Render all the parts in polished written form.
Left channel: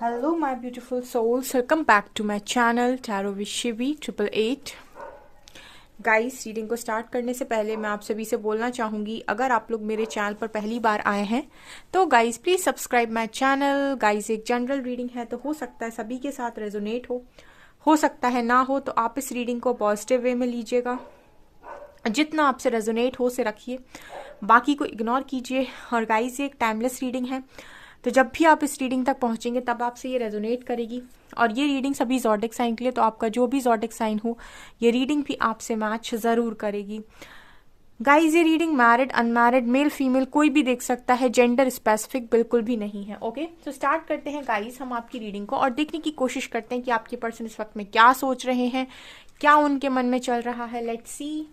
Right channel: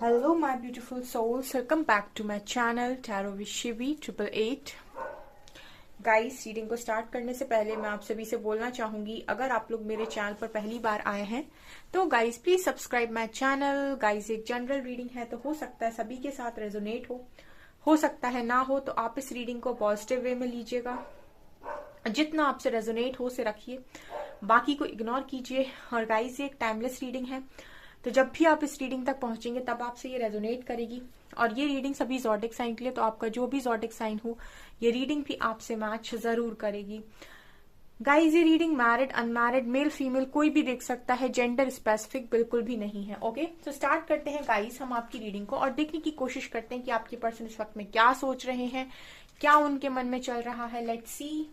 Hello, my beautiful souls. Welcome back to my channel Tarot with Shivi 888. Guys, reading को start करने से पहले मैं आप सभी से बोलना चाहूंगी, अगर आप लोग मेरे चैनल पर पहली बार आए हैं तो guys please subscribe my channel. Guys, एक जनरल रीडिंग है तो हो सकता है सभी के साथ रेजोनेट हो सकता है ना हो, तो आप इस रीडिंग को पॉजिटिव वे में लीजिएगा। जितना आपसे रेजोनेट हो से रखिए, बाकी को इग्नोर कीजिए। और गाइस, ये एक टाइमलेस रीडिंग है, तो जब भी आप इस रीडिंग तक पहुंचेंगे तब आपसे ये रेजोनेट करेगी। और ये रीडिंग सभी ज़ोडिक साइन के लिए, तो आपका जो भी ज़ोडिक साइन हो ये रीडिंग भी आपसे मैच ज़रूर करेगी। गाइज, ये reading married, unmarried, male female कोई भी देख सकता है, जेंडर स्पेसिफिक बिल्कुल भी नहीं है। ओके, तो स्टार्ट करते हैं गाइज हम आपकी रीडिंग को और देखने की कोशिश करते हैं कि आपके पर्सन इस वक्त में क्या सोच रहे हैं, क्या उनके मन में चल रहा है। Let's see.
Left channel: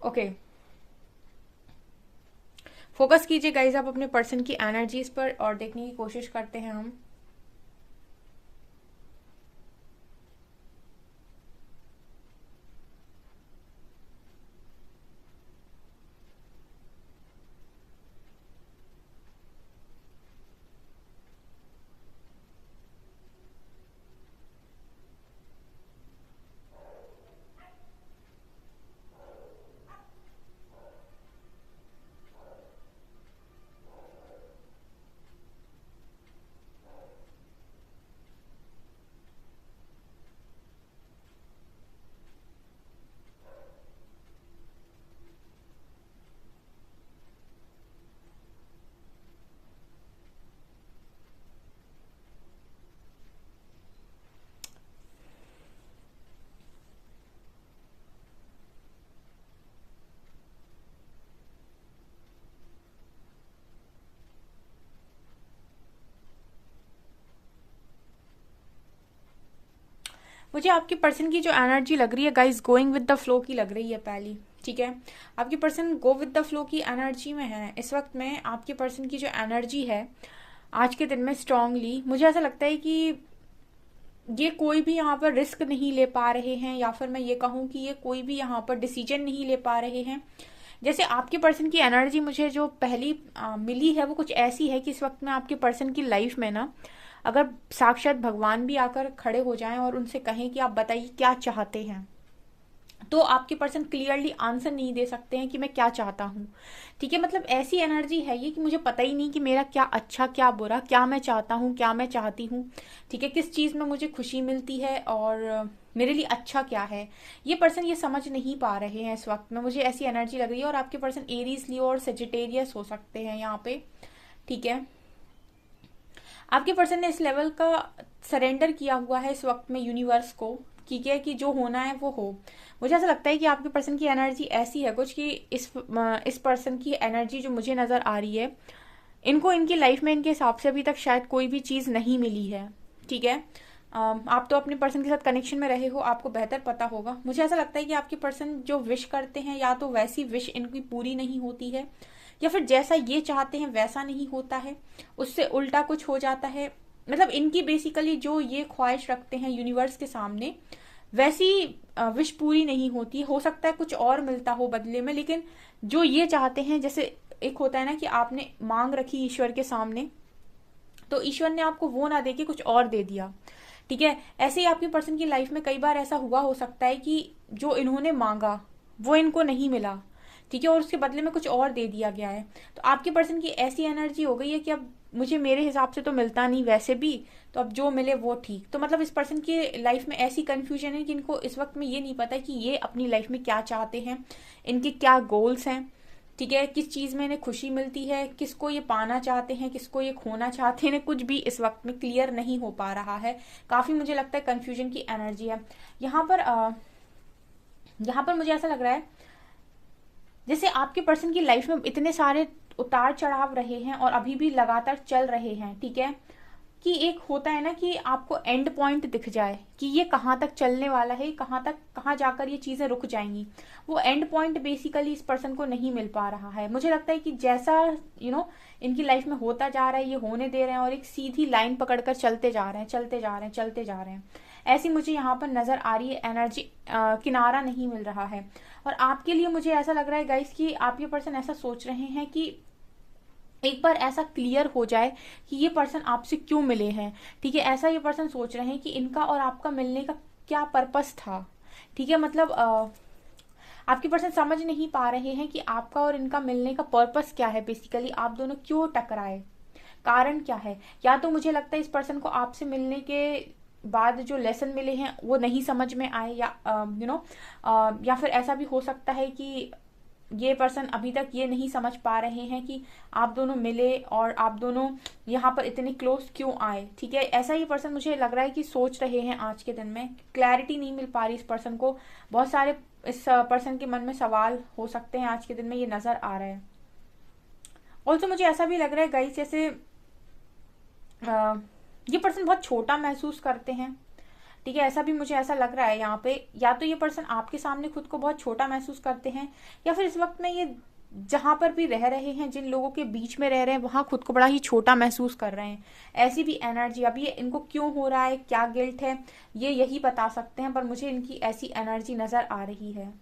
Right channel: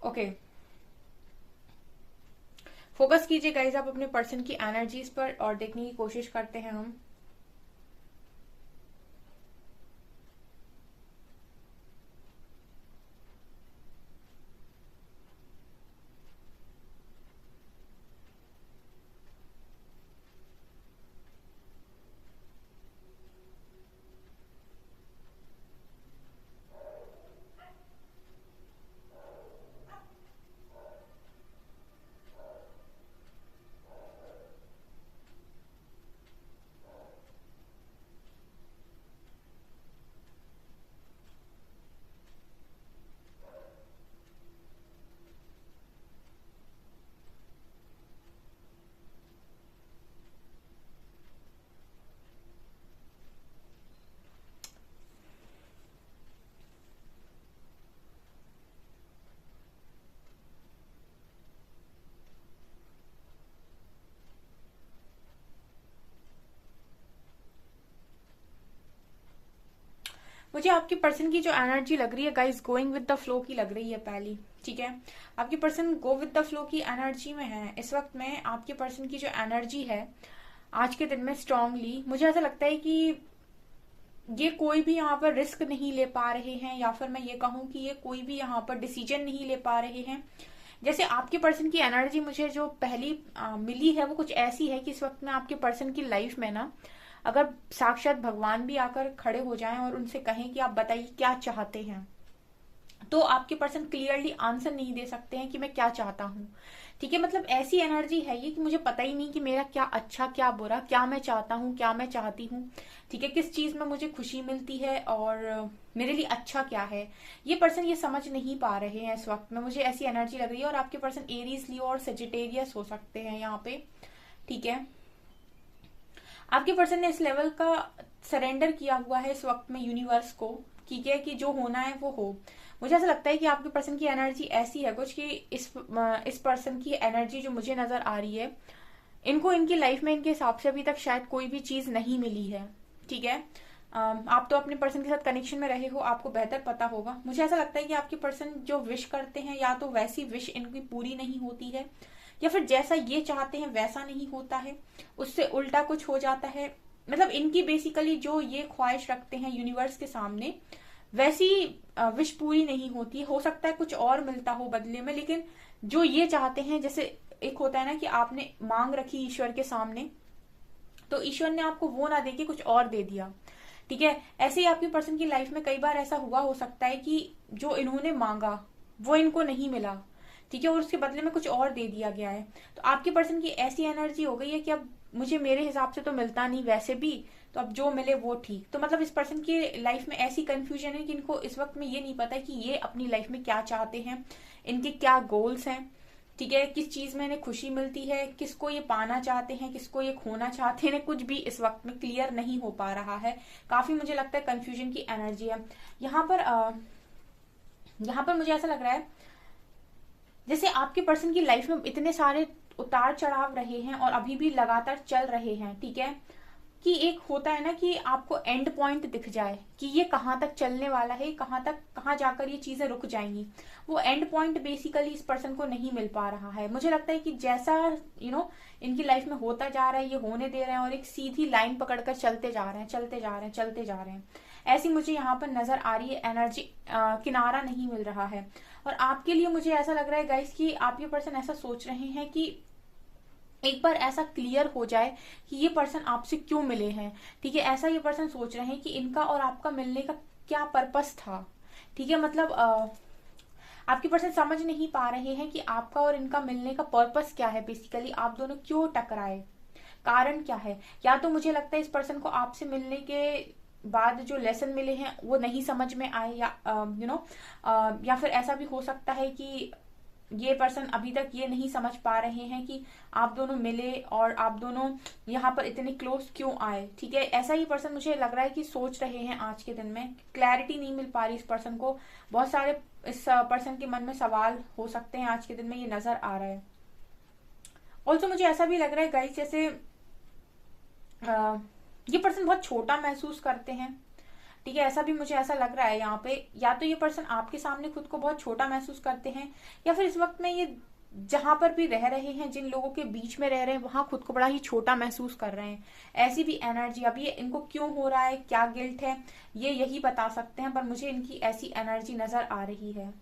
ओके, फोकस कीजिए गाइज आप अपने पर्सन की एनर्जीज पर और देखने की कोशिश करते हैं हम। मुझे आपके पर्सन की जो एनर्जी लग रही है guys, going with the flow की लग रही है पहली। ठीक है, आपके person go with the flow की एनर्जी में है इस वक्त में। आपके पर्सन की जो एनर्जी है आज के दिन में स्ट्रांगली, मुझे ऐसा लगता है कि ये कोई भी यहाँ पर रिस्क नहीं ले पा रहे हैं, या फिर मैं ये कहूँ कि ये कोई भी यहाँ पर डिसीजन नहीं ले पा रहे हैं। जैसे आपके पर्सन की एनर्जी मुझे जो पहली मिली है वो कुछ ऐसी है कि इस वक्त में आपके पर्सन की लाइफ में ना, अगर साक्षात भगवान भी आकर खड़े हो जाएं और उनसे कहें कि आप बताइए क्या चाहते हैं, तो आपके पर्सन क्लियरली आंसर नहीं दे सकते हैं कि मैं क्या चाहता हूँ। ठीक है, मतलब ऐसी एनर्जी है ये कि मुझे पता ही नहीं कि मेरा क्या अच्छा क्या बुरा, क्या मैं चाहता हूँ क्या मैं चाहती हूँ। ठीक है, किस चीज में मुझे खुशी मिलती है और मेरे लिए अच्छा क्या है, ये पर्सन ये समझ नहीं पा रहे हैं इस वक्त में। मुझे ऐसी एनर्जी लग रही है। और आपके पर्सन एरीज, लियो और सेजिटेरियस हो सकते हैं यहाँ पे। ठीक है, आपके पर्सन ने इस लेवल का सरेंडर किया हुआ है इस वक्त में यूनिवर्स को। ठीक है, कि जो होना है वो हो। मुझे ऐसा लगता है कि आपके पर्सन की एनर्जी ऐसी है कुछ कि इस पर्सन की एनर्जी जो मुझे नजर आ रही है, इनको इनकी लाइफ में इनके हिसाब से अभी तक शायद कोई भी चीज नहीं मिली है। ठीक है, आप तो अपने पर्सन के साथ कनेक्शन में रहे हो, आपको बेहतर पता होगा। मुझे ऐसा लगता है कि आपके पर्सन जो विश करते हैं, या तो वैसी विश इनकी पूरी नहीं होती है, या फिर जैसा ये चाहते हैं वैसा नहीं होता है, उससे उल्टा कुछ हो जाता है। मतलब इनकी बेसिकली जो ये ख्वाहिश रखते हैं यूनिवर्स के सामने, वैसी विश पूरी नहीं होती। हो सकता है कुछ और मिलता हो बदले में, लेकिन जो ये चाहते हैं, जैसे एक होता है ना कि आपने मांग रखी ईश्वर के सामने, तो ईश्वर ने आपको वो ना दे के कुछ और दे दिया। ठीक है, ऐसे ही आपके पर्सन की लाइफ में कई बार ऐसा हुआ हो सकता है कि जो इन्होंने मांगा वो इनको नहीं मिला। ठीक है, और उसके बदले में कुछ और दे दिया गया है। तो आपके पर्सन की ऐसी एनर्जी हो गई है कि अब मुझे मेरे हिसाब से तो मिलता नहीं वैसे भी, तो अब जो मिले वो ठीक। तो मतलब इस पर्सन की लाइफ में ऐसी कंफ्यूजन है कि इनको इस वक्त में ये नहीं पता कि ये अपनी लाइफ में क्या चाहते हैं, इनके क्या गोल्स हैं। ठीक है, किस चीज में इन्हें खुशी मिलती है, किसको ये पाना चाहते हैं, किसको ये खोना चाहते हैं, इन्हें कुछ भी इस वक्त में क्लियर नहीं हो पा रहा है। काफी मुझे लगता है कंफ्यूजन की एनर्जी है यहाँ पर। यहाँ पर मुझे ऐसा लग रहा है जैसे आपके पर्सन की लाइफ में इतने सारे उतार चढ़ाव रहे हैं और अभी भी लगातार चल रहे हैं। ठीक है, कि एक होता है ना कि आपको एंड पॉइंट दिख जाए कि ये कहाँ तक चलने वाला है, कहाँ जाकर ये चीजें रुक जाएंगी। वो एंड पॉइंट बेसिकली इस पर्सन को नहीं मिल पा रहा है। मुझे लगता है कि जैसा इनकी लाइफ में होता जा रहा है, ये होने दे रहे हैं और एक सीधी लाइन पकड़कर चलते जा रहे हैं, चलते जा रहे हैं, चलते जा रहे हैं। ऐसी मुझे यहाँ पर नजर आ रही है एनर्जी। किनारा नहीं मिल रहा है। और आपके लिए मुझे ऐसा लग रहा है गाइस कि आप ये पर्सन ऐसा सोच रहे हैं कि एक बार ऐसा क्लियर हो जाए कि ये पर्सन आपसे क्यों मिले हैं। ठीक है, ऐसा ये पर्सन सोच रहे हैं कि इनका और आपका मिलने का क्या पर्पस था। ठीक है, मतलब आपके पर्सन समझ नहीं पा रहे हैं कि आपका और इनका मिलने का पर्पस क्या है। बेसिकली आप दोनों क्यों टकराए, कारण क्या है। या तो मुझे लगता है इस पर्सन को आपसे मिलने के बाद जो लेसन मिले हैं वो नहीं समझ में आए, या या फिर ऐसा भी हो सकता है कि ये पर्सन अभी तक ये नहीं समझ पा रहे हैं कि आप दोनों मिले और आप दोनों यहाँ पर इतने क्लोज क्यों आए। ठीक है, ऐसा ही पर्सन मुझे लग रहा है कि सोच रहे हैं आज के दिन में। क्लैरिटी नहीं मिल पा रही इस पर्सन को। बहुत सारे इस पर्सन के मन में सवाल हो सकते हैं आज के दिन में, ये नजर आ रहा है। ऑल्सो मुझे ऐसा भी लग रहा है गाइस जैसे ये पर्सन बहुत छोटा महसूस करते हैं। ठीक है, ऐसा भी मुझे ऐसा लग रहा है यहाँ पे। या तो ये पर्सन आपके सामने खुद को बहुत छोटा महसूस करते हैं, या फिर इस वक्त में ये जहां पर भी रह रहे हैं, जिन लोगों के बीच में रह रहे हैं, वहां खुद को बड़ा ही छोटा महसूस कर रहे हैं। ऐसी भी एनर्जी। अब ये इनको क्यों हो रहा है, क्या गिल्ट है, ये यही बता सकते हैं, पर मुझे इनकी ऐसी एनर्जी नजर आ रही है।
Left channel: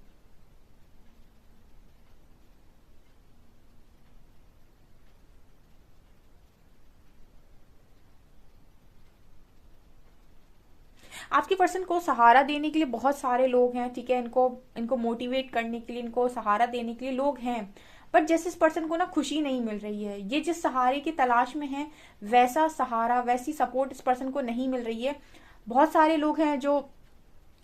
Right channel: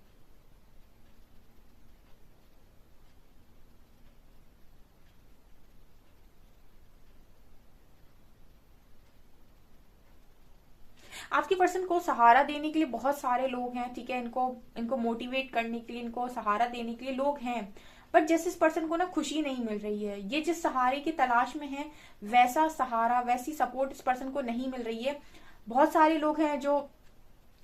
आपके पर्सन को सहारा देने के लिए बहुत सारे लोग हैं। ठीक है, इनको इनको मोटिवेट करने के लिए, इनको सहारा देने के लिए लोग हैं। बट जैसे इस पर्सन को ना खुशी नहीं मिल रही है, ये जिस सहारे की तलाश में है वैसा सहारा, वैसी सपोर्ट इस पर्सन को नहीं मिल रही है। बहुत सारे लोग हैं जो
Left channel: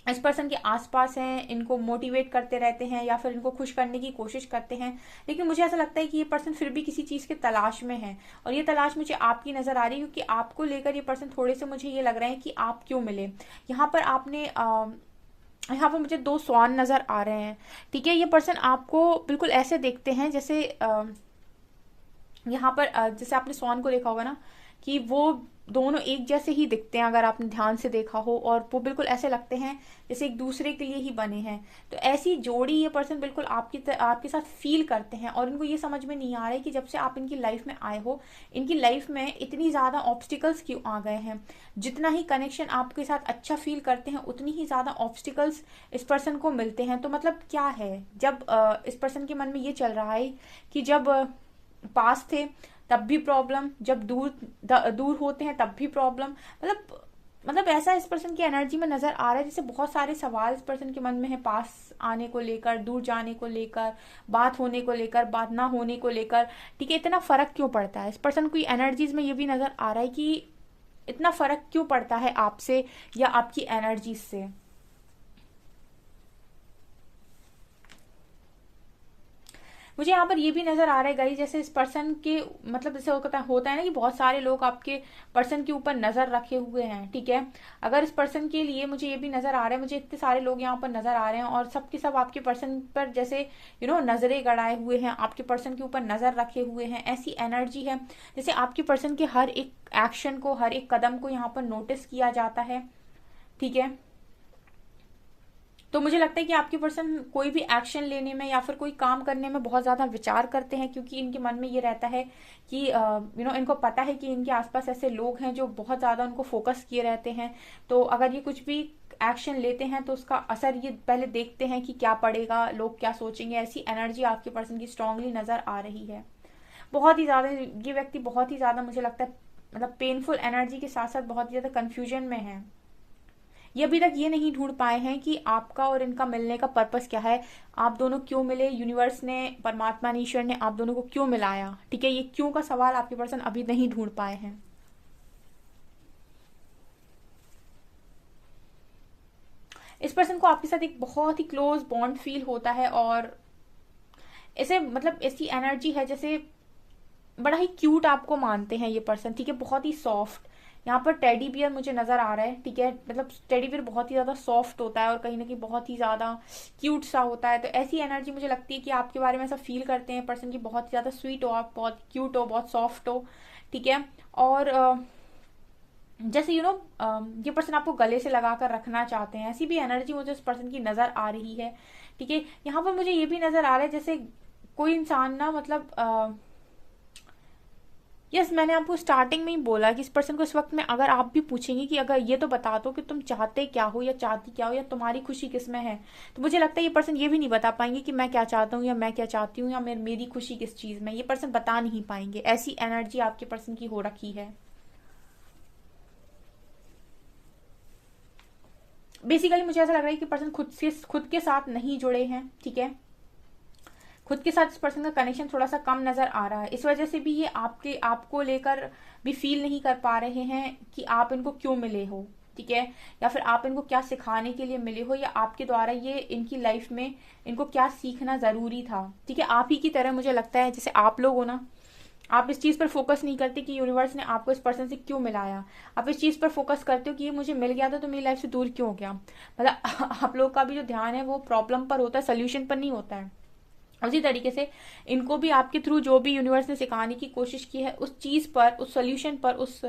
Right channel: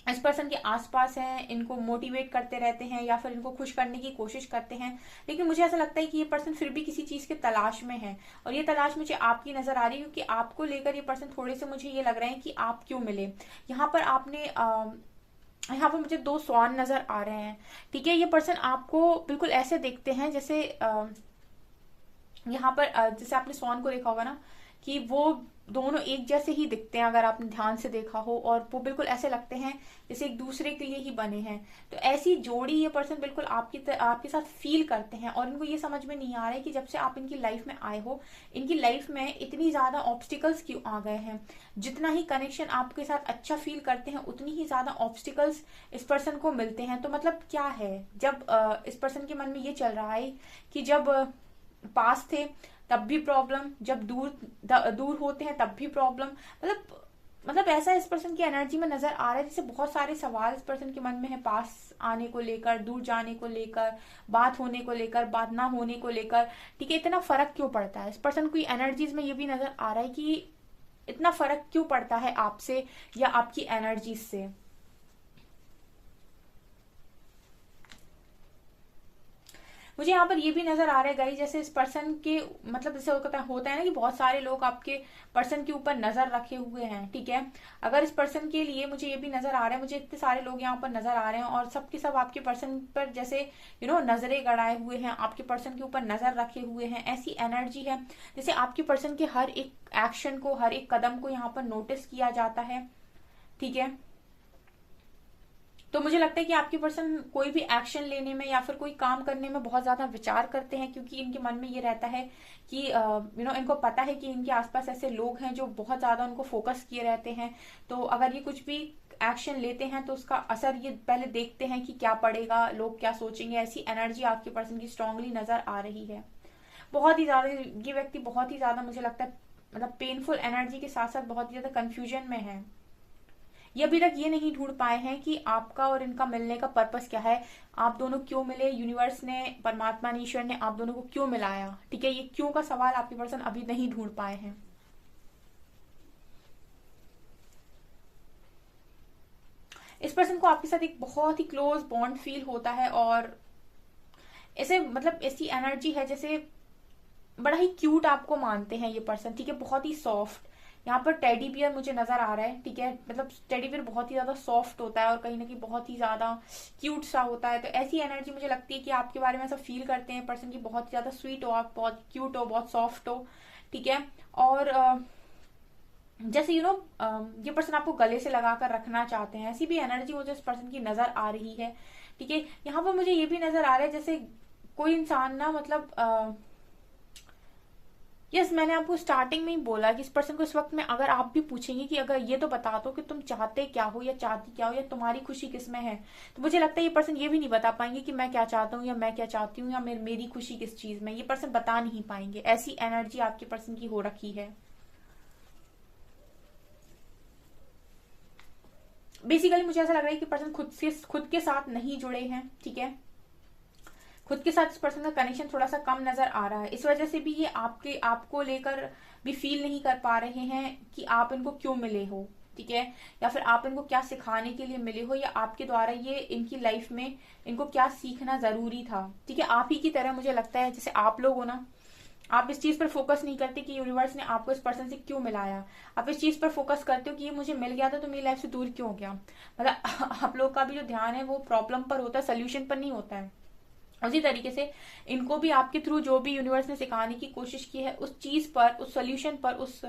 इस पर्सन के आसपास हैं, इनको मोटिवेट करते रहते हैं या फिर इनको खुश करने की कोशिश करते हैं, लेकिन मुझे ऐसा लगता है कि ये पर्सन फिर भी किसी चीज की तलाश में है। और ये तलाश मुझे आपकी नजर आ रही है, क्योंकि आपको लेकर ये पर्सन थोड़े से मुझे ये लग रहा है कि आप क्यों मिले। यहाँ पर आपने यहाँ पर मुझे दो स्वान नजर आ रहे हैं। ठीक है, ये पर्सन आपको बिल्कुल ऐसे देखते हैं जैसे यहाँ पर जैसे आपने स्वान को देखा होगा ना, कि वो दोनों एक जैसे ही दिखते हैं अगर आपने ध्यान से देखा हो, और वो बिल्कुल ऐसे लगते हैं जैसे एक दूसरे के लिए ही बने हैं। तो ऐसी जोड़ी ये पर्सन बिल्कुल आपके साथ फील करते हैं। और इनको ये समझ में नहीं आ रहा है कि जब से आप इनकी लाइफ में आए हो, इनकी लाइफ में इतनी ज्यादा ऑब्स्टिकल्स क्यों आ गए हैं। जितना ही कनेक्शन आपके साथ अच्छा फील करते हैं, उतनी ही ज्यादा ऑब्स्टिकल्स इस पर्सन को मिलते हैं। तो मतलब क्या है, जब इस पर्सन के मन में ये चल रहा है कि जब पास थे तब भी प्रॉब्लम, जब दूर होते हैं तब भी प्रॉब्लम। मतलब ऐसा इस पर्सन की एनर्जी में नजर आ रहा है जैसे बहुत सारे सवाल इस पर्सन के मन में है, पास आने को लेकर, दूर जाने को लेकर, बात होने को लेकर, बात ना होने को लेकर। ठीक है, इतना फर्क क्यों पड़ता है इस पर्सन की एनर्जीज में, ये भी नजर आ रहा है कि इतना फर्क क्यों पड़ता है आपसे या आपकी एनर्जीज से। मुझे यहाँ पर ये भी नजर आ रहा है गाइस जैसे इस पर्सन के मतलब जैसे होता है ना कि बहुत सारे लोग आपके पर्सन के ऊपर नजर रखे हुए हैं। ठीक है, अगर इस पर्सन के लिए मुझे ये भी नजर आ रहा है, मुझे इतने सारे लोग यहाँ पर नजर आ रहे हैं और सबके सब आपके पर्सन पर जैसे नजरें गड़ाए हुए हैं, आपके पर्सन के ऊपर नजर रखे हुए हैं। ऐसी एनर्जी है जैसे आपके पर्सन के हर एक एक्शन को, हर एक कदम को यहाँ पर नोटिस किया जाता है। ठीक है, तो मुझे लगता है कि आपके पर्सन कोई भी एक्शन लेने में या फिर कोई काम करने में बहुत ज्यादा विचार करते हैं, क्योंकि इनके मन में ये रहता है कि इनको पता है कि इनके आसपास ऐसे लोग हैं जो बहुत ज्यादा उनको फोकस किए रहते हैं। तो अगर ये कुछ भी एक्शन लेते हैं तो उसका असर ये पहले देखते हैं कि क्या पड़ेगा, लोग क्या सोचेंगे। ऐसी एनर्जी आपके पर्सन की स्ट्रांगली नजर आ रही है। बहुत ही ज्यादा ये व्यक्ति बहुत ही ज्यादा मुझे लगता है मतलब पेनफुल एनर्जी के साथ साथ बहुत ही ज्यादा कंफ्यूजन में है। ये अभी तक ये नहीं ढूंढ पाए हैं कि आपका और इनका मिलने का पर्पस क्या है, आप दोनों क्यों मिले, यूनिवर्स ने, परमात्मा ने, ईश्वर ने आप दोनों को क्यों मिलाया। ठीक है, ये क्यों का सवाल आपके पर्सन अभी नहीं ढूंढ पाए हैं। इस पर्सन को आपके साथ एक बहुत ही क्लोज बॉन्ड फील होता है, और ऐसे मतलब ऐसी एनर्जी है जैसे बड़ा ही क्यूट आपको मानते हैं ये पर्सन। ठीक है, बहुत ही सॉफ्ट। यहाँ पर टेडी बियर मुझे नजर आ रहा है। ठीक है, मतलब टेडी बियर बहुत ही ज्यादा सॉफ्ट होता है और कहीं ना कहीं बहुत ही ज्यादा क्यूट सा होता है। तो ऐसी एनर्जी मुझे लगती है कि आपके बारे में ऐसा फील करते हैं पर्सन की, बहुत ही ज्यादा स्वीट हो आप, बहुत क्यूट हो, बहुत सॉफ्ट हो। ठीक है, और जैसे ये पर्सन आपको गले से लगा कर रखना चाहते हैं, ऐसी भी एनर्जी मुझे उस पर्सन की नजर आ रही है। ठीक है, यहाँ पर मुझे ये भी नजर आ रहा है जैसे कोई इंसान ना, मतलब यस, मैंने आपको स्टार्टिंग में ही बोला कि इस पर्सन को इस वक्त में अगर आप भी पूछेंगे कि अगर ये तो बता दो कि तुम चाहते क्या हो या चाहती क्या हो या तुम्हारी खुशी किस में है, तो मुझे लगता है ये पर्सन ये भी नहीं बता पाएंगे कि मैं क्या चाहता हूँ या मैं क्या चाहती हूँ या मेरी खुशी किस चीज में, ये पर्सन बता नहीं पाएंगे। ऐसी एनर्जी आपके पर्सन की हो रखी है। बेसिकली मुझे ऐसा लग रहा है कि पर्सन खुद के साथ नहीं जुड़े हैं। ठीक है, खुद के साथ इस पर्सन का कनेक्शन थोड़ा सा कम नजर आ रहा है। इस वजह से भी ये आपको लेकर भी फील नहीं कर पा रहे हैं कि आप इनको क्यों मिले हो। ठीक है, या फिर आप इनको क्या सिखाने के लिए मिले हो, या आपके द्वारा ये इनकी लाइफ में इनको क्या सीखना जरूरी था। ठीक है, आप ही की तरह मुझे लगता है जैसे आप लोग हो ना, आप इस चीज पर फोकस नहीं करते कि यूनिवर्स ने आपको इस पर्सन से क्यों मिलाया। आप इस चीज पर फोकस करते हो कि ये मुझे मिल गया था तो मेरी लाइफ से दूर क्यों हो गया। मतलब आप लोग का भी जो ध्यान है वो प्रॉब्लम पर होता है, सोल्यूशन पर नहीं होता है। उसी तरीके से इनको भी आपके थ्रू जो भी यूनिवर्स ने सिखाने की कोशिश की है उस चीज पर, उस सोल्यूशन पर, उस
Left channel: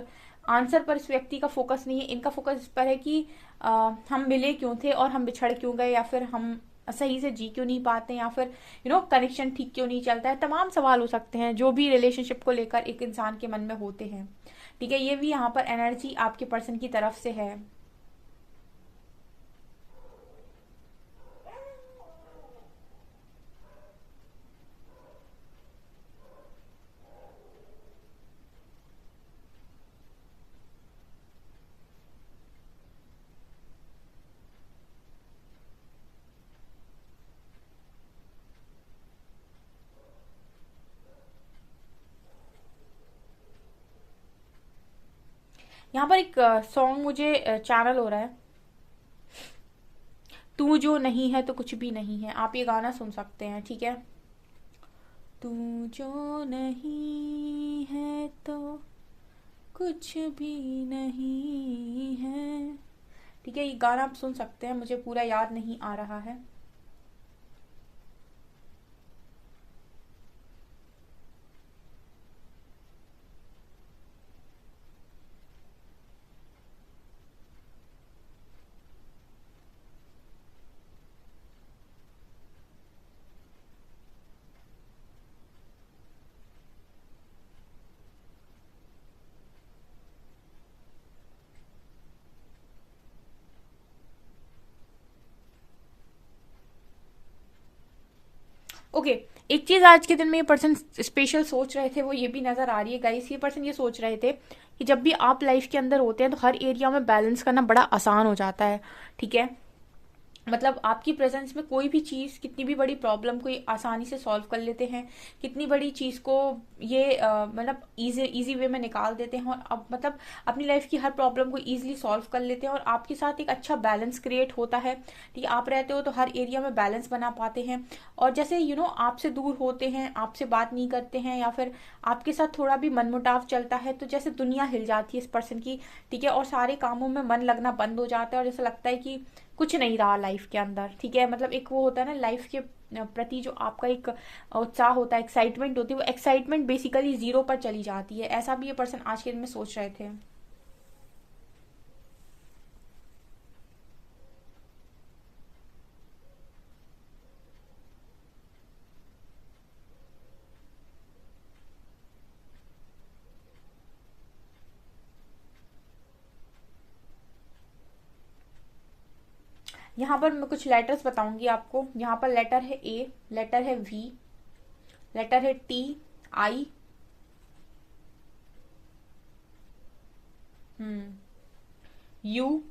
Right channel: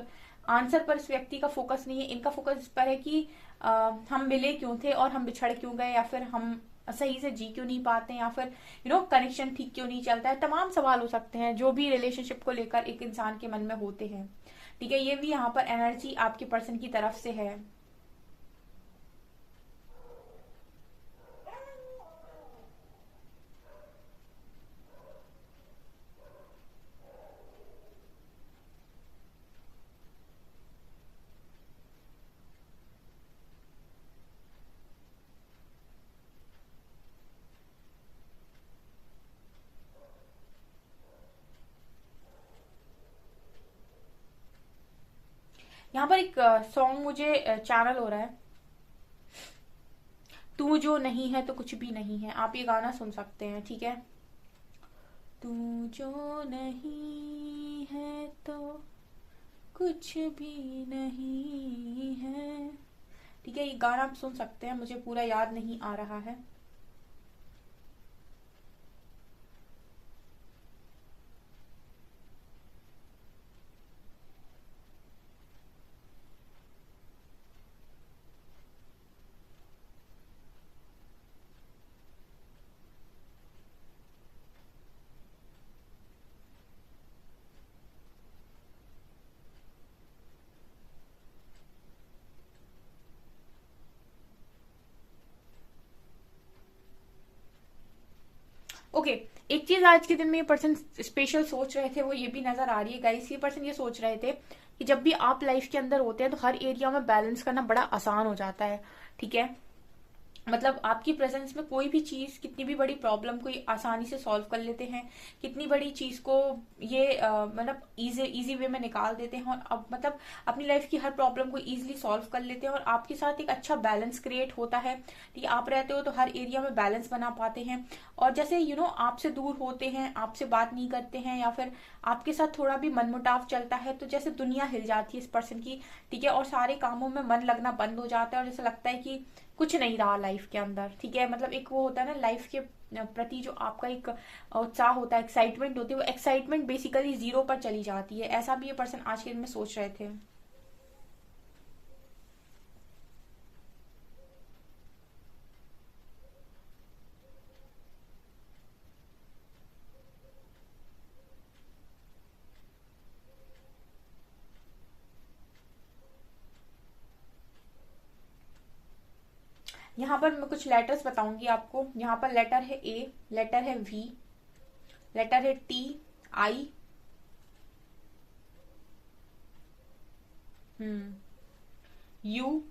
आंसर पर इस व्यक्ति का फोकस नहीं है। इनका फोकस इस पर है कि हम मिले क्यों थे और हम बिछड़ क्यों गए, या फिर हम सही से जी क्यों नहीं पाते, या फिर कनेक्शन ठीक क्यों नहीं चलता है। तमाम सवाल हो सकते हैं जो भी रिलेशनशिप को लेकर एक इंसान के मन में होते हैं। ठीक है, ये भी यहाँ पर एनर्जी आपके पर्सन की तरफ से है। यहाँ पर एक सॉन्ग मुझे चैनल हो रहा है, तू जो नहीं है तो कुछ भी नहीं है। आप ये गाना सुन सकते हैं। ठीक है, तू जो नहीं है तो कुछ भी नहीं है। ठीक है, ये गाना आप सुन सकते हैं, मुझे पूरा याद नहीं आ रहा है। ओके, एक चीज आज के दिन में ये पर्सन स्पेशल सोच रहे थे, वो ये भी नजर आ रही है गाइस। ये पर्सन ये सोच रहे थे कि जब भी आप लाइफ के अंदर होते हैं तो हर एरिया में बैलेंस करना बड़ा आसान हो जाता है। ठीक है, मतलब आपकी प्रेजेंस में कोई भी चीज, कितनी भी बड़ी प्रॉब्लम को ये आसानी से सॉल्व कर लेते हैं। कितनी बड़ी चीज को ये मतलब इजी वे में निकाल देते हैं, और अब मतलब अपनी लाइफ की हर प्रॉब्लम को इजीली सॉल्व कर लेते हैं, और आपके साथ एक अच्छा बैलेंस क्रिएट होता है। ठीक है, आप रहते हो तो हर एरिया में बैलेंस बना पाते हैं। और जैसे आपसे दूर होते हैं, आपसे बात नहीं करते हैं, या फिर आपके साथ थोड़ा भी मनमुटाव चलता है, तो जैसे दुनिया हिल जाती है इस पर्सन की। ठीक है, और सारे कामों में मन लगना बंद हो जाता है, और जैसे लगता है कि कुछ नहीं रहा लाइफ के अंदर। ठीक है, मतलब एक वो होता है ना लाइफ के प्रति जो आपका एक उत्साह होता है, एक्साइटमेंट होती है, वो एक्साइटमेंट बेसिकली जीरो पर चली जाती है। ऐसा भी ये पर्सन आज के दिन में सोच रहे थे। यहाँ पर मैं कुछ लेटर्स बताऊंगी आपको। यहाँ पर लेटर है ए, लेटर है वी, लेटर है टी, आई, यू,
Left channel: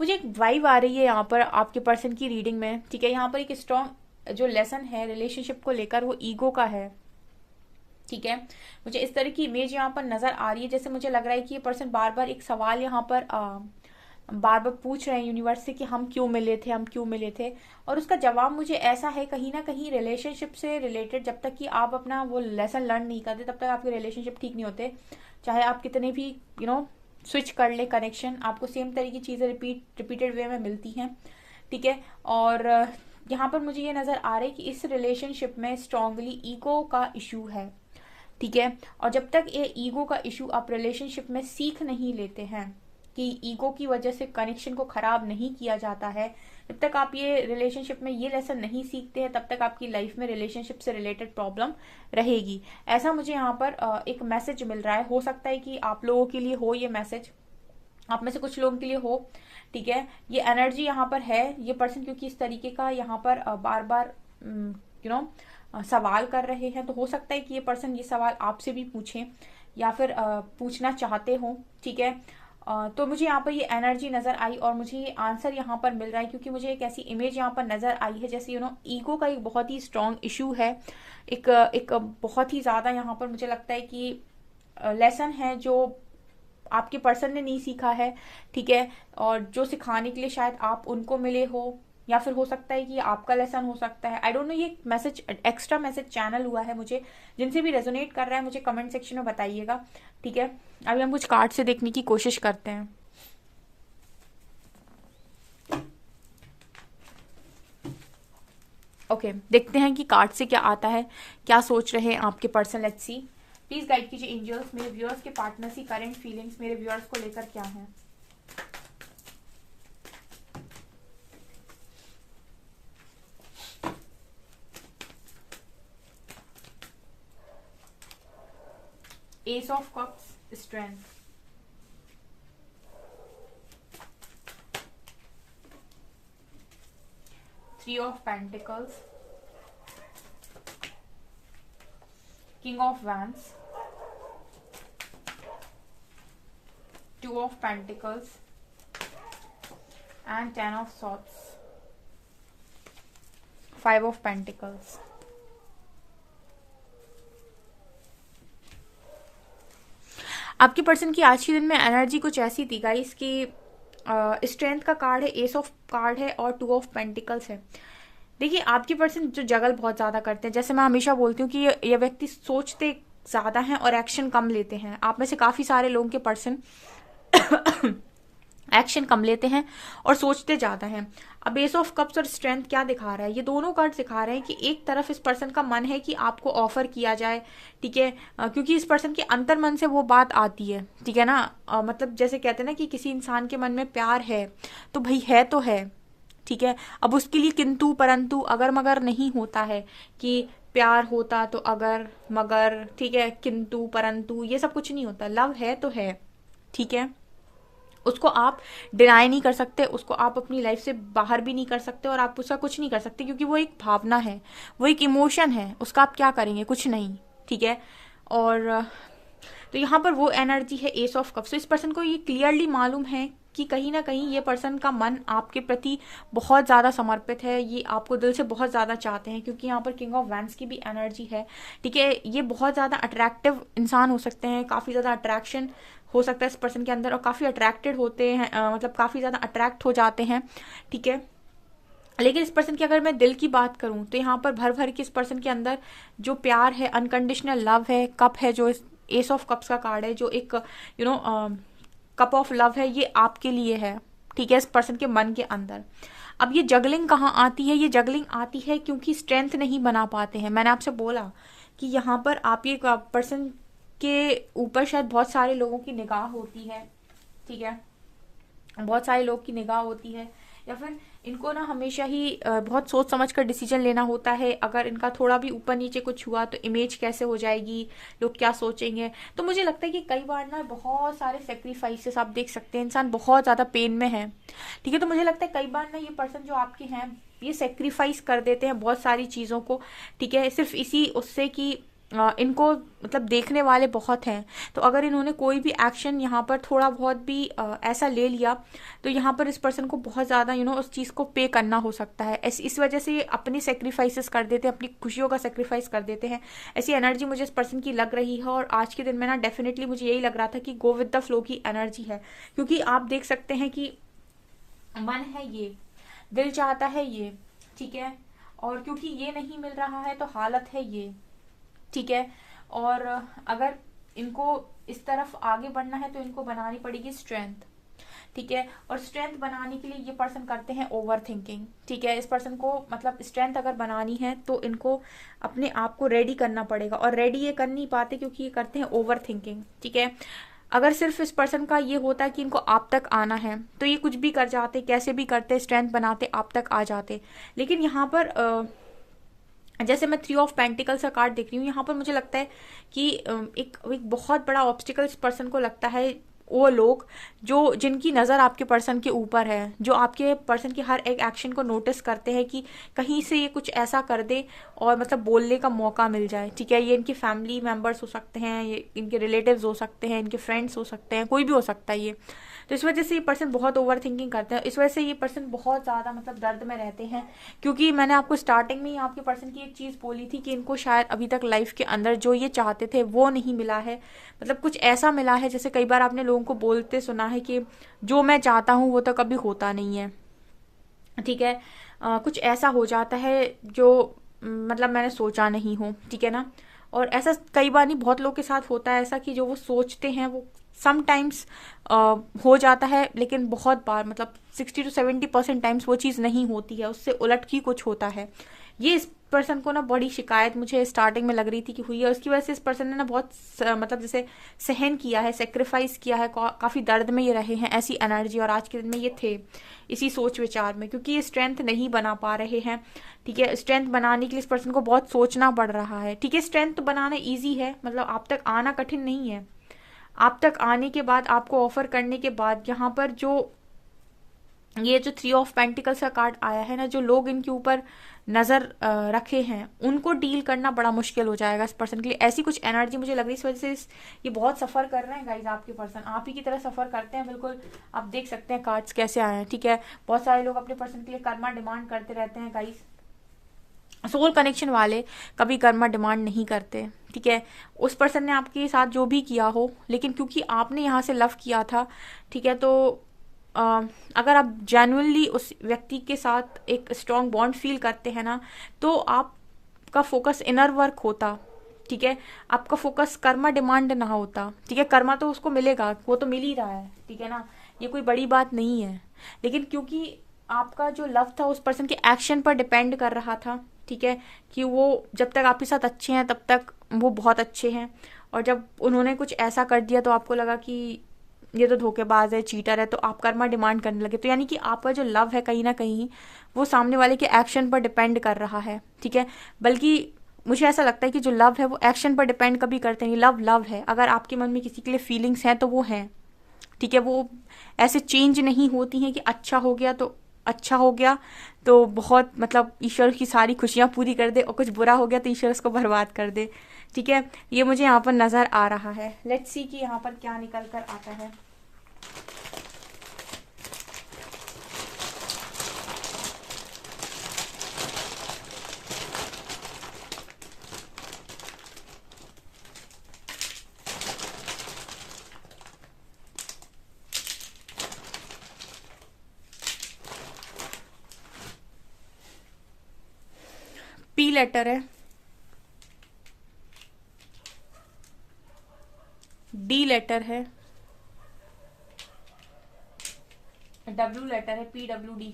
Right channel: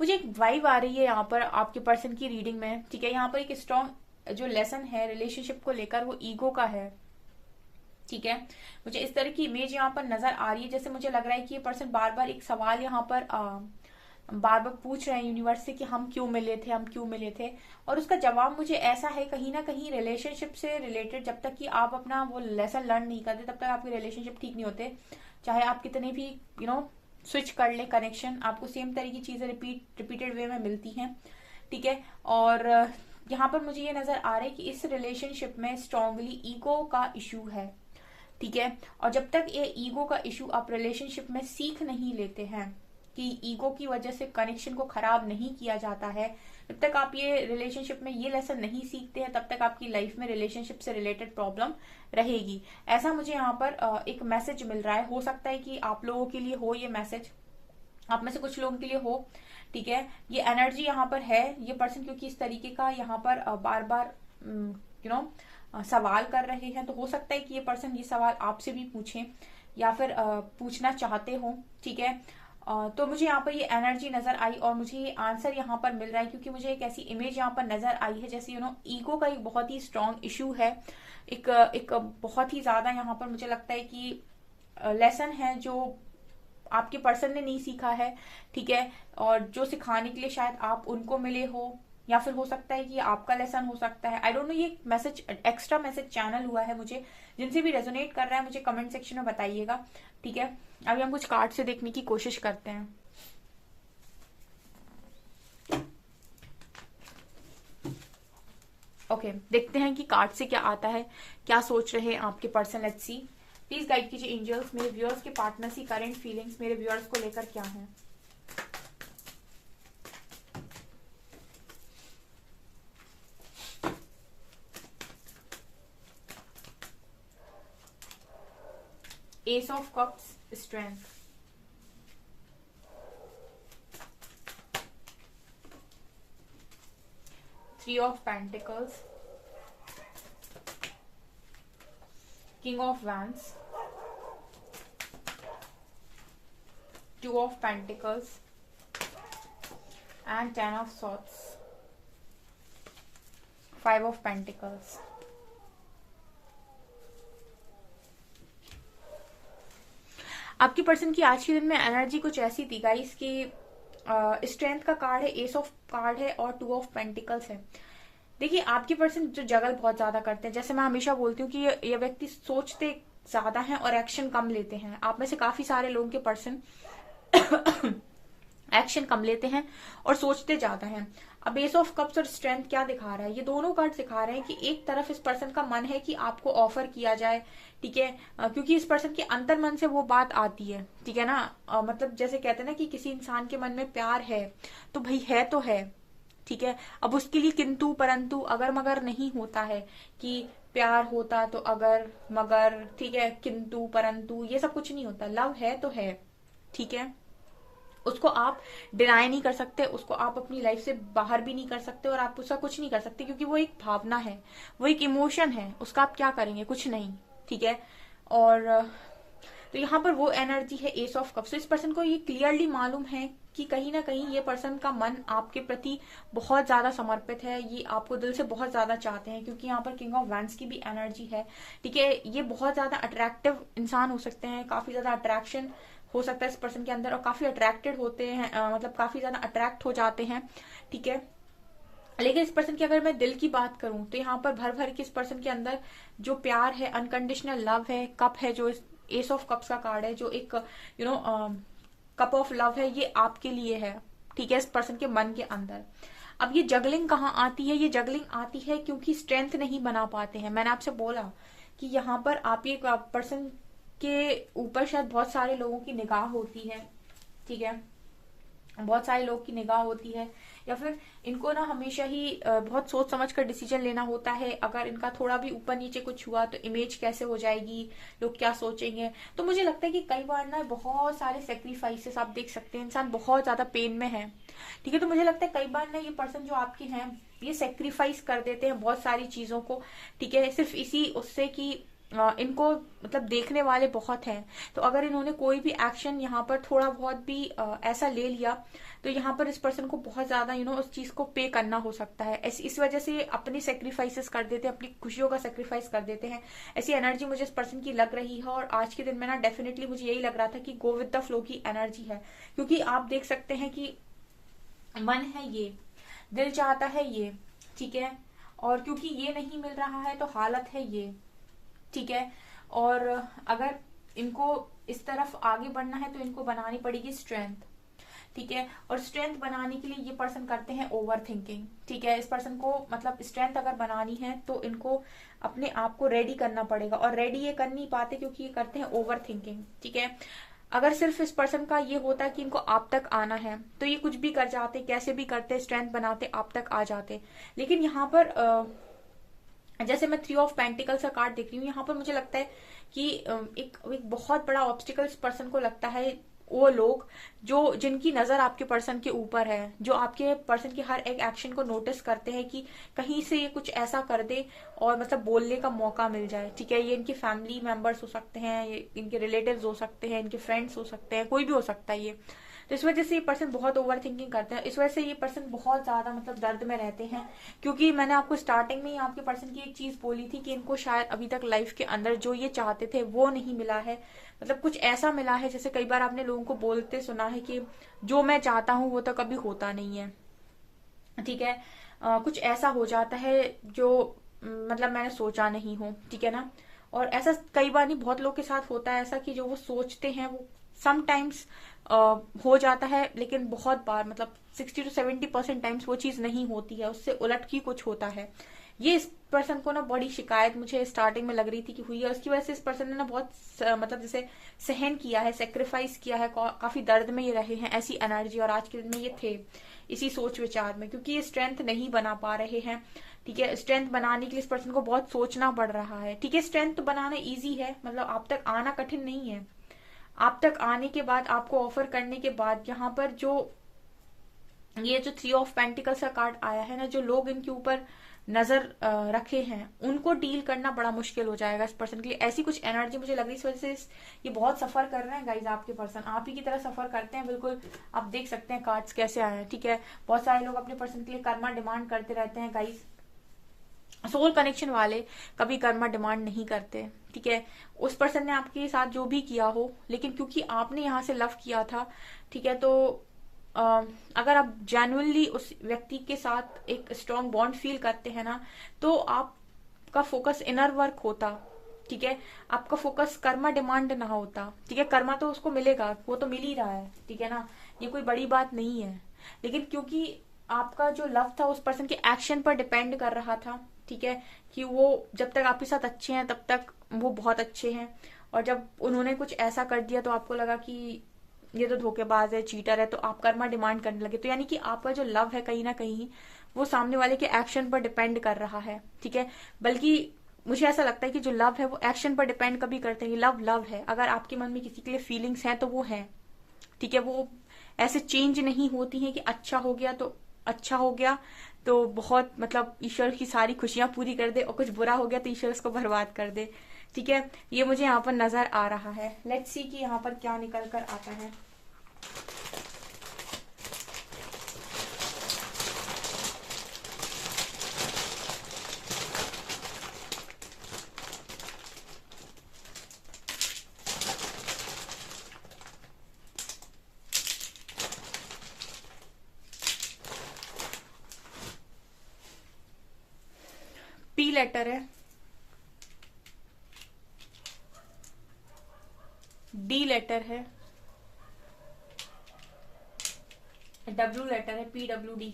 मुझे एक वाइब आ रही है यहाँ पर आपके पर्सन की रीडिंग में। ठीक है, यहाँ पर एक स्ट्रॉन्ग जो लेसन है रिलेशनशिप को लेकर वो ईगो का है। ठीक है, मुझे इस तरह की इमेज यहाँ पर नजर आ रही है, जैसे मुझे लग रहा है कि ये पर्सन बार बार एक सवाल यहाँ पर बार बार पूछ रहे हैं यूनिवर्स से कि हम क्यों मिले थे, हम क्यों मिले थे। और उसका जवाब मुझे ऐसा है, कहीं ना कहीं रिलेशनशिप से रिलेटेड, जब तक कि आप अपना वो लेसन लर्न नहीं करते तब तक आपके रिलेशनशिप ठीक नहीं होते। चाहे आप कितने भी स्विच कर ले कनेक्शन, आपको सेम तरह की चीजें रिपीटेड वे में मिलती हैं, ठीक है। और यहाँ पर मुझे ये नजर आ रहा है कि इस रिलेशनशिप में स्ट्रांगली ईगो का इशू है, ठीक है। और जब तक ये ईगो का इशू आप रिलेशनशिप में सीख नहीं लेते हैं कि ईगो की वजह से कनेक्शन को खराब नहीं किया जाता है, जब तक आप ये रिलेशनशिप में ये लेसन नहीं सीखते हैं, तब तक आपकी लाइफ में रिलेशनशिप से रिलेटेड प्रॉब्लम रहेगी। ऐसा मुझे यहाँ पर एक मैसेज मिल रहा है। हो सकता है कि आप लोगों के लिए हो ये मैसेज, आप में से कुछ लोगों के लिए हो, ठीक है। ये एनर्जी यहाँ पर है, ये पर्सन क्योंकि इस तरीके का यहाँ पर बार बार सवाल कर रहे हैं, तो हो सकता है कि ये पर्सन ये सवाल आपसे भी पूछें या फिर पूछना चाहते हो, ठीक है। तो मुझे यहाँ पर ये एनर्जी नजर आई और मुझे ये आंसर यहाँ पर मिल रहा है, क्योंकि मुझे एक ऐसी इमेज यहाँ पर नजर आई है जैसे ईगो का एक बहुत ही स्ट्रांग इशू है, एक बहुत ही ज्यादा यहाँ पर मुझे लगता है कि लेसन है जो आपके पर्सन ने नहीं सीखा है, ठीक है। और जो सिखाने के लिए शायद आप उनको मिले हो, या फिर हो सकता है कि आपका लेसन हो सकता है, आई डोंट नो। ये मैसेज एक्स्ट्रा मैसेज चैनल हुआ है मुझे। जिनसे भी रेजोनेट कर रहा है मुझे कमेंट सेक्शन में बताइएगा, ठीक है। अभी हम कुछ कार्ड से देखने की कोशिश करते हैं। ओके, देखते हैं कि कार्ड से क्या आता है, क्या सोच रहे हैं आपके person. Let's see, please guide कीजिए एंजल्स, मेरे व्यूअर्स के पार्टनर्स की करंट फीलिंग्स मेरे व्यूअर्स को लेकर क्या है। S of cups, strength, three of pentacles, king of wands, two of pentacles and 10 of swords, 5 of pentacles। आपके पर्सन की आज के दिन में एनर्जी कुछ ऐसी थी गाइस कि स्ट्रेंथ का कार्ड है, एस ऑफ कार्ड है और 2 ऑफ पेंटिकल्स है। देखिए, आपके पर्सन जो जगल बहुत ज्यादा करते हैं, जैसे मैं हमेशा बोलती हूँ कि ये व्यक्ति सोचते ज्यादा हैं और एक्शन कम लेते हैं। आप में से काफी सारे लोगों के पर्सन एक्शन कम लेते हैं और सोचते ज्यादा हैं। अब एस ऑफ कप्स और स्ट्रेंथ क्या दिखा रहा है, ये दोनों कार्ड दिखा रहे हैं कि एक तरफ इस पर्सन का मन है कि आपको ऑफर किया जाए, ठीक है, क्योंकि इस पर्सन के अंतर मन से वो बात आती है, ठीक है ना। मतलब जैसे कहते हैं ना कि किसी इंसान के मन में प्यार है तो भाई है तो है, ठीक है। अब उसके लिए किंतु परंतु अगर मगर नहीं होता है कि प्यार होता तो अगर मगर, ठीक है, किंतु परंतु ये सब कुछ नहीं होता। लव है तो है, ठीक है। उसको आप डिनाई नहीं कर सकते, उसको आप अपनी लाइफ से बाहर भी नहीं कर सकते और आप उसका कुछ नहीं कर सकते, क्योंकि वो एक भावना है, वो एक इमोशन है। उसका आप क्या करेंगे, कुछ नहीं, ठीक है। और तो यहाँ पर वो एनर्जी है एस ऑफ कप्स। तो इस पर्सन को ये क्लियरली मालूम है कि कहीं ना कहीं ये पर्सन का मन आपके प्रति बहुत ज्यादा समर्पित है, ये आपको दिल से बहुत ज्यादा चाहते हैं, क्योंकि यहाँ पर किंग ऑफ वैंड्स की भी एनर्जी है, ठीक है। ये बहुत ज्यादा अट्रैक्टिव इंसान हो सकते हैं, काफी ज्यादा अट्रैक्शन हो सकता है इस पर्सन के अंदर और काफी अट्रैक्टेड होते हैं, मतलब काफी ज्यादा अट्रैक्ट हो जाते हैं, ठीक है। लेकिन इस पर्सन की अगर मैं दिल की बात करूं तो यहाँ पर भर भर के इस पर्सन के अंदर जो प्यार है, अनकंडीशनल लव है, कप है, जो एस ऑफ कप्स का कार्ड है, जो एक कप ऑफ लव है, ये आपके लिए है, ठीक है, इस पर्सन के मन के अंदर। अब ये जगलिंग कहाँ आती है, ये जगलिंग आती है क्योंकि स्ट्रेंथ नहीं बना पाते हैं। मैंने आपसे बोला कि यहाँ पर आप ये पर्सन के ऊपर शायद बहुत सारे लोगों की निगाह होती है, ठीक है, बहुत सारे लोग की निगाह होती है, या फिर इनको ना हमेशा ही बहुत सोच समझ कर डिसीजन लेना होता है। अगर इनका थोड़ा भी ऊपर नीचे कुछ हुआ तो इमेज कैसे हो जाएगी, लोग क्या सोचेंगे। तो मुझे लगता है कि कई बार ना बहुत सारे सेक्रीफाइसेस आप देख सकते हैं, इंसान बहुत ज्यादा पेन में है, ठीक है। तो मुझे लगता है कई बार ना ये पर्सन जो आपके हैं ये सेक्रीफाइस कर देते हैं बहुत सारी चीजों को, ठीक है, सिर्फ इसी उससे कि इनको मतलब देखने वाले बहुत हैं। तो अगर इन्होंने कोई भी एक्शन यहाँ पर थोड़ा बहुत भी ऐसा ले लिया तो यहाँ पर इस पर्सन को बहुत ज्यादा उस चीज को पे करना हो सकता है। इस वजह से अपनी सेक्रीफाइसेस कर देते हैं, अपनी खुशियों का सेक्रीफाइस कर देते हैं। ऐसी एनर्जी मुझे इस पर्सन की लग रही है और आज के दिन में ना डेफिनेटली मुझे यही लग रहा था कि गो विद द फ्लो की एनर्जी है, क्योंकि आप देख सकते हैं कि मन है ये, दिल चाहता है ये, ठीक है, और क्योंकि ये नहीं मिल रहा है तो हालत है ये, ठीक है। और अगर इनको इस तरफ आगे बढ़ना है तो इनको बनानी पड़ेगी स्ट्रेंथ, ठीक है। और स्ट्रेंथ बनाने के लिए ये पर्सन करते हैं ओवर थिंकिंग, ठीक है। इस पर्सन को मतलब स्ट्रेंथ अगर बनानी है तो इनको अपने आप को रेडी करना पड़ेगा, और रेडी ये कर नहीं पाते क्योंकि ये करते हैं ओवर थिंकिंग, ठीक है। अगर सिर्फ इस पर्सन का ये होता कि इनको आप तक आना है तो ये कुछ भी कर जाते, कैसे भी करते, स्ट्रेंथ बनाते, आप तक आ जाते। लेकिन यहाँ पर जैसे मैं 3 ऑफ पेंटिकल्स का कार्ड देख रही हूँ, यहाँ पर मुझे लगता है कि एक बहुत बड़ा ऑब्स्टिकल इस पर्सन को लगता है। वो लोग जो जिनकी नज़र आपके पर्सन के ऊपर है, जो आपके पर्सन की हर एक एक्शन को नोटिस करते हैं कि कहीं से ये कुछ ऐसा कर दे और मतलब बोलने का मौका मिल जाए, ठीक है। ये इनके फैमिली मेंबर्स हो सकते हैं, ये इनके रिलेटिव्स हो सकते हैं, इनके फ्रेंड्स हो सकते हैं, कोई भी हो सकता है ये। तो इस वजह से ये पर्सन बहुत ओवर थिंकिंग करते हैं, इस वजह से ये पर्सन बहुत ज्यादा मतलब दर्द में रहते हैं। क्योंकि मैंने आपको स्टार्टिंग में ही आपके पर्सन की एक चीज बोली थी कि इनको शायद अभी तक लाइफ के अंदर जो ये चाहते थे वो नहीं मिला है। मतलब कुछ ऐसा मिला है, जैसे कई बार आपने लोगों को बोलते सुना है कि जो मैं चाहता हूँ वो तो कभी होता नहीं है, ठीक है। कुछ ऐसा हो जाता है जो मतलब मैंने सोचा नहीं हूँ, ठीक है ना। और ऐसा कई बार नहीं, बहुत लोग के साथ होता है ऐसा कि जो वो सोचते हैं वो समटाइम्स हो जाता है, लेकिन बहुत बार मतलब 60 to 70% टाइम्स वो चीज़ नहीं होती है, उससे उलट ही कुछ होता है। ये इस पर्सन को ना बड़ी शिकायत मुझे स्टार्टिंग में लग रही थी कि हुई है, उसकी वजह से इस पर्सन ने ना बहुत मतलब जैसे सहन किया है, सेक्रीफाइस किया है, काफी दर्द में ये रहे हैं, ऐसी एनर्जी। और आज के दिन में ये थे इसी सोच विचार में, क्योंकि ये स्ट्रेंथ नहीं बना पा रहे हैं, ठीक है। स्ट्रेंथ बनाने के लिए इस पर्सन को बहुत सोचना पड़ रहा है, ठीक है। स्ट्रेंथ तो बनाना ईजी है, मतलब आप तक आना कठिन नहीं है। आप तक आने के बाद, आपको ऑफर करने के बाद, यहाँ पर ये जो 3 ऑफ पेंटिकल्स का कार्ड आया है ना, जो लोग इनके ऊपर नजर रखे हैं उनको डील करना बड़ा मुश्किल हो जाएगा इस पर्सन के लिए। ऐसी कुछ एनर्जी मुझे लग रही है, इस वजह से ये बहुत सफर कर रहे हैं गाइज। आपके पर्सन आप ही की तरह सफर करते हैं, बिल्कुल। आप देख सकते हैं कार्ड्स कैसे आए हैं, ठीक है। बहुत सारे लोग अपने पर्सन के लिए कर्मा डिमांड करते रहते हैं गाइज। सोल कनेक्शन वाले कभी कर्मा डिमांड नहीं करते, ठीक है। उस पर्सन ने आपके साथ जो भी किया हो, लेकिन क्योंकि आपने यहाँ से लव किया था, ठीक है, तो अगर आप जेन्युइनली उस व्यक्ति के साथ एक स्ट्रॉन्ग बॉन्ड फील करते हैं ना, तो आपका फोकस इनर वर्क होता, ठीक है। आपका फोकस कर्मा डिमांड ना होता, ठीक है। कर्मा तो उसको मिलेगा, वो तो मिल ही रहा है, ठीक है ना। ये कोई बड़ी बात नहीं है, लेकिन क्योंकि आपका जो लव था उस पर्सन के एक्शन पर डिपेंड कर रहा था, ठीक है, कि वो जब तक आपके साथ अच्छे हैं तब तक वो बहुत अच्छे हैं, और जब उन्होंने कुछ ऐसा कर दिया तो आपको लगा कि ये तो धोखेबाज है, चीटर है, तो आप कर्मा डिमांड करने लगे। तो यानी कि आपका जो लव है कहीं ना कहीं वो सामने वाले के एक्शन पर डिपेंड कर रहा है, ठीक है। बल्कि मुझे ऐसा लगता है कि जो लव है वो एक्शन पर डिपेंड कभी करते नहीं। लव लव है, अगर आपके मन में किसी के लिए फीलिंग्स हैं तो वो हैं, ठीक है। वो ऐसे चेंज नहीं होती हैं कि अच्छा हो गया तो अच्छा हो गया तो बहुत मतलब ईश्वर की सारी खुशियां पूरी कर दे, और कुछ बुरा हो गया तो ईश्वर उसको बर्बाद कर दे, ठीक है। ये मुझे यहाँ पर नजर आ रहा है। लेट्स सी कि यहाँ पर क्या निकल कर आता है। पी लेटर है, डी लेटर है, डब्ल्यू लेटर है, PWD।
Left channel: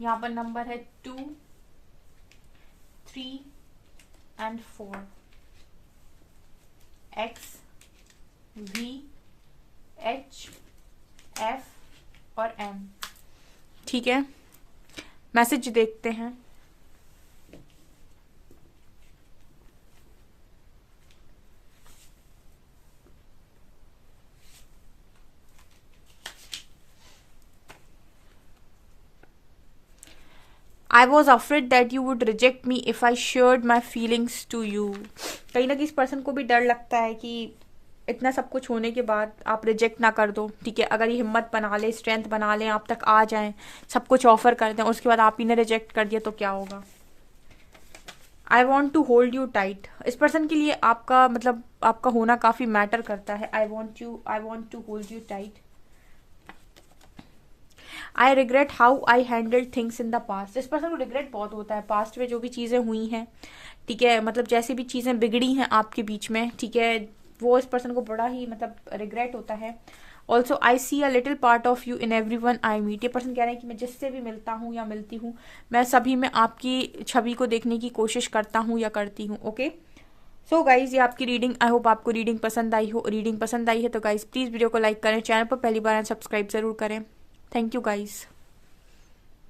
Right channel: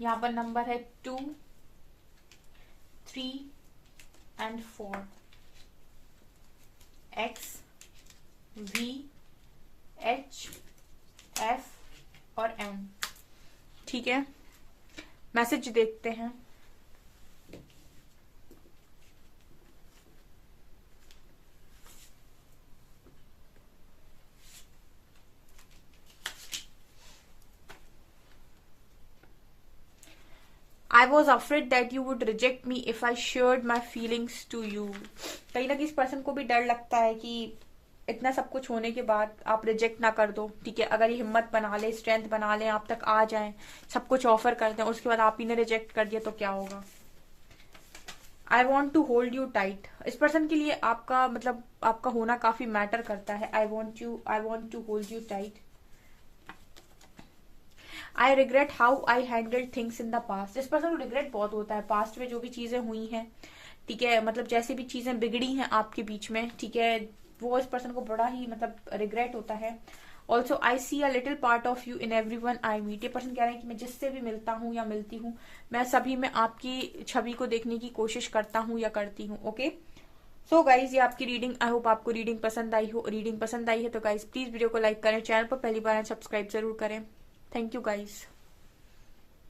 यहाँ पर नंबर है 2, 3 and 4, X, V, H, F और M, ठीक है। मैसेज देखते हैं। I was afraid that you would reject me if I shared my feelings to you। कहीं ना किसी पर्सन को भी डर लगता है कि इतना सब कुछ होने के बाद आप रिजेक्ट ना कर दो, ठीक है। अगर ये हिम्मत बना ले, स्ट्रेंथ बना ले, आप तक आ जाए, सब कुछ ऑफर कर दें, उसके बाद आप ही ने रिजेक्ट कर दिया तो क्या होगा। I want to hold you tight, इस पर्सन के लिए आपका मतलब आपका होना काफी मैटर करता है। I want to hold you tight. I regret how I handled things in the past, इस पर्सन को रिग्रेट बहुत होता है पास्ट में जो भी चीजें हुई हैं, ठीक है, मतलब जैसे भी चीजें बिगड़ी हैं आपके बीच में, ठीक है, वो इस पर्सन को बड़ा ही मतलब रिग्रेट होता है। Also I see a little part of you in every one I meet. ये पर्सन कह रहे हैं कि मैं जिससे भी मिलता हूँ या मिलती हूँ, मैं सभी में आपकी छवि को देखने की कोशिश करता हूँ या करती हूँ। ओके, सो गाइज ये आपकी रीडिंग, आई होप आपको रीडिंग पसंद आई हो। रीडिंग पसंद आई है तो गाइज प्लीज वीडियो को लाइक करें, चैनल पर पहली बार सब्सक्राइब जरूर करें। Thank you guys.